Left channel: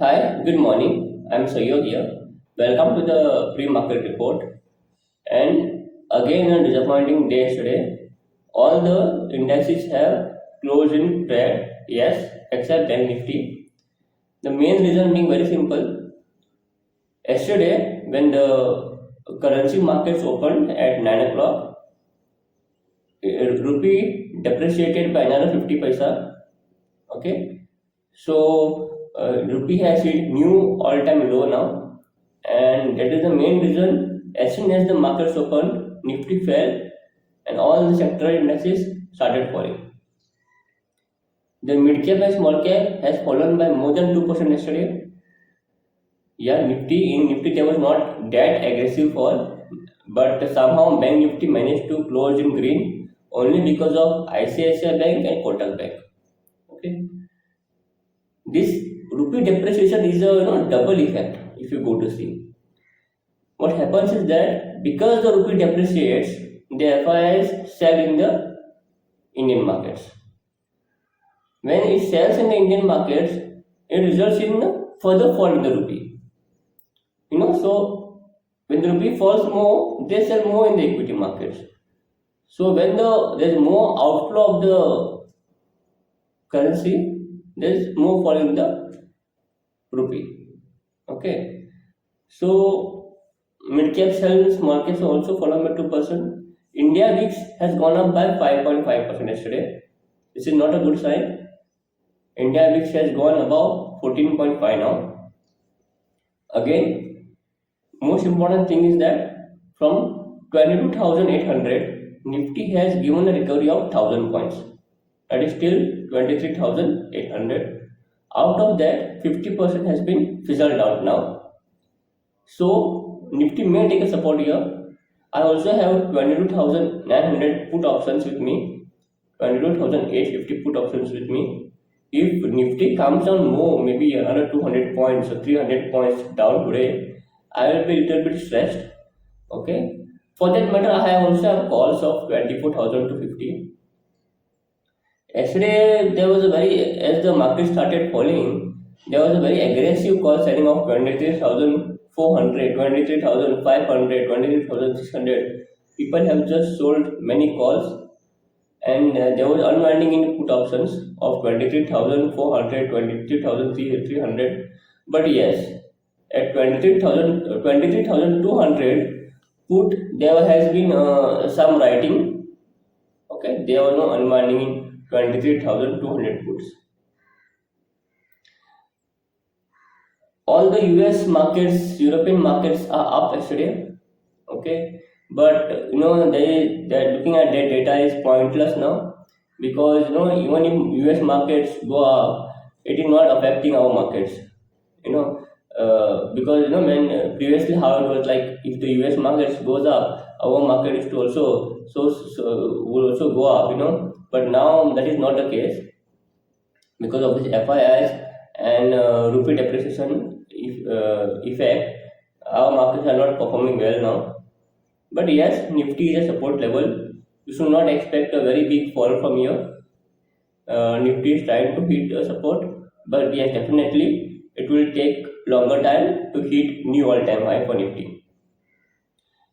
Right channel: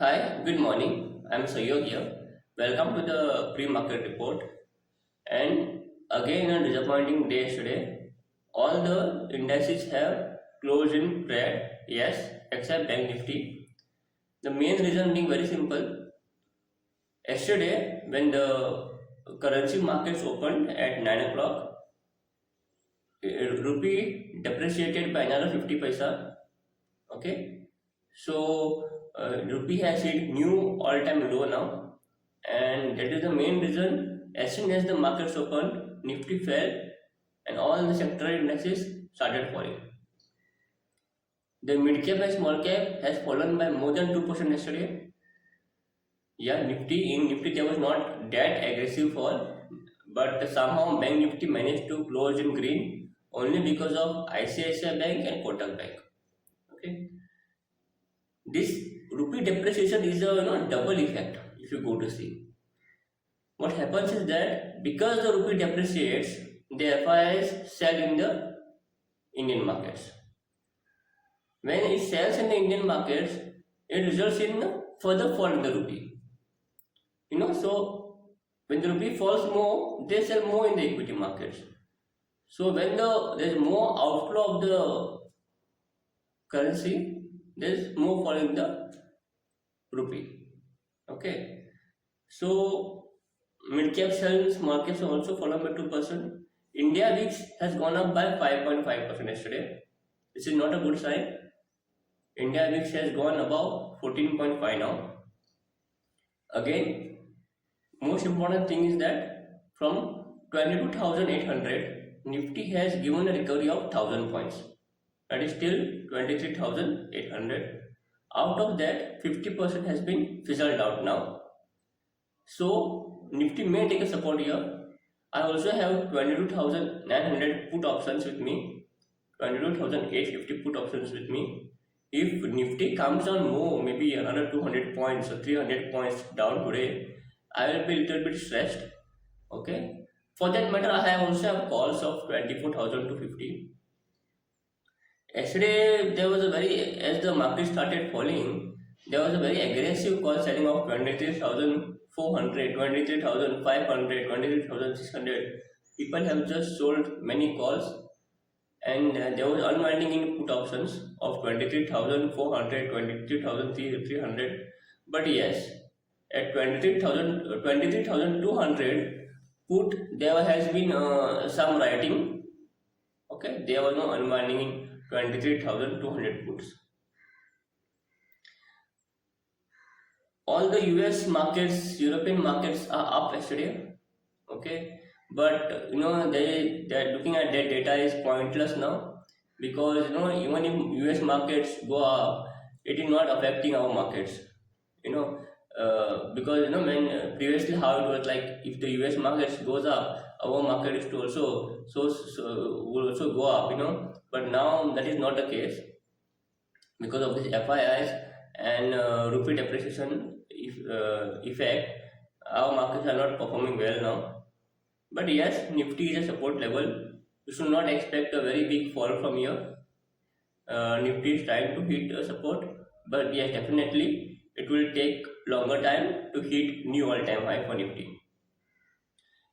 Hi, good morning. I'm Sayod here. Welcome to the pre-market report. And again, a disappointing day today. All the indices have closed in red, yes, except Bank Nifty. The main reason being very simple. Yesterday, when the currency markets opened at 9 o'clock, rupee depreciated by another 50 paisa. Okay, so rupee has hit new all-time low now, and that is the main reason. As soon as the markets opened, Nifty fell, and all the sectoral indices started falling. The mid cap and small cap has fallen by more than 2% yesterday. Yeah, Nifty there was not that aggressive fall, but somehow Bank Nifty managed to close in green only because of ICICI Bank and Kotak Bank. Okay, this rupee depreciation is a double effect if you go to see. What happens is that because the rupee depreciates, the FIIs sell in the Indian markets. When it sells in the Indian markets, it results in a further fall in the rupee. So when the rupee falls more, they sell more in the equity markets. So when there's more outflow of the currency, there's more fall in the rupee. Okay. So mid cap sells, small caps also fallen by 2%. India VIX has gone up by 5.5% yesterday. This is not a good sign. India VIX has gone above 14.5 now. Again, most important thing is that from 22,800, Nifty has given a recovery of 1000 points. That is still 23,800. Out of that, 50% has been fizzled out now. So Nifty may take a support here. I also have 22,900 put options with me, 22,850 put options with me. If Nifty comes down more, maybe another 200 points or 300 points down today, I will be a little bit stressed. Okay. For that matter, I have also have calls of 24,000 to 50. Yesterday, there was a very, as the market started falling, there was a very aggressive call selling of 23,400, 23,500, 23,600. People have just sold many calls, and there was unwinding in put options of 23,400, 23,300. But yes, at 23,000, 23,200 put, there has been some writing. Okay, there was no unwinding in 23,200 puts. All the US markets, European markets are up yesterday. Okay, but they're looking at that data is pointless now, because even if US markets go up, it is not affecting our markets. Because when previously how it was like, if the US markets goes up, our market is to also will also go up. But now that is not the case because of this FIIs and rupee depreciation effect. Our markets are not performing well now. But yes, Nifty is a support level. You should not expect a very big fall from here. Nifty is trying to hit a support, but yes, definitely it will take longer time to hit new all-time high for Nifty.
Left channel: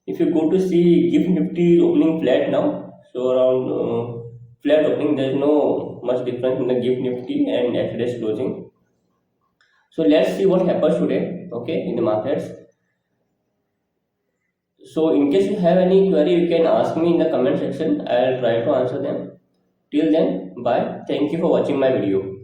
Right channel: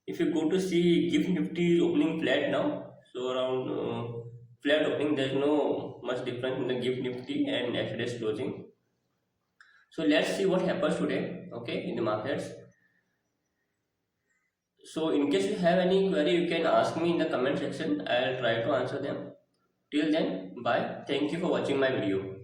If you go to see GIFT Nifty is opening flat now, so around flat opening, there is no much difference in the GIFT Nifty and yesterday's closing. So let's see what happens today, okay, in the markets. So in case you have any query, you can ask me in the comment section. I'll try to answer them. Till then, bye. Thank you for watching my video.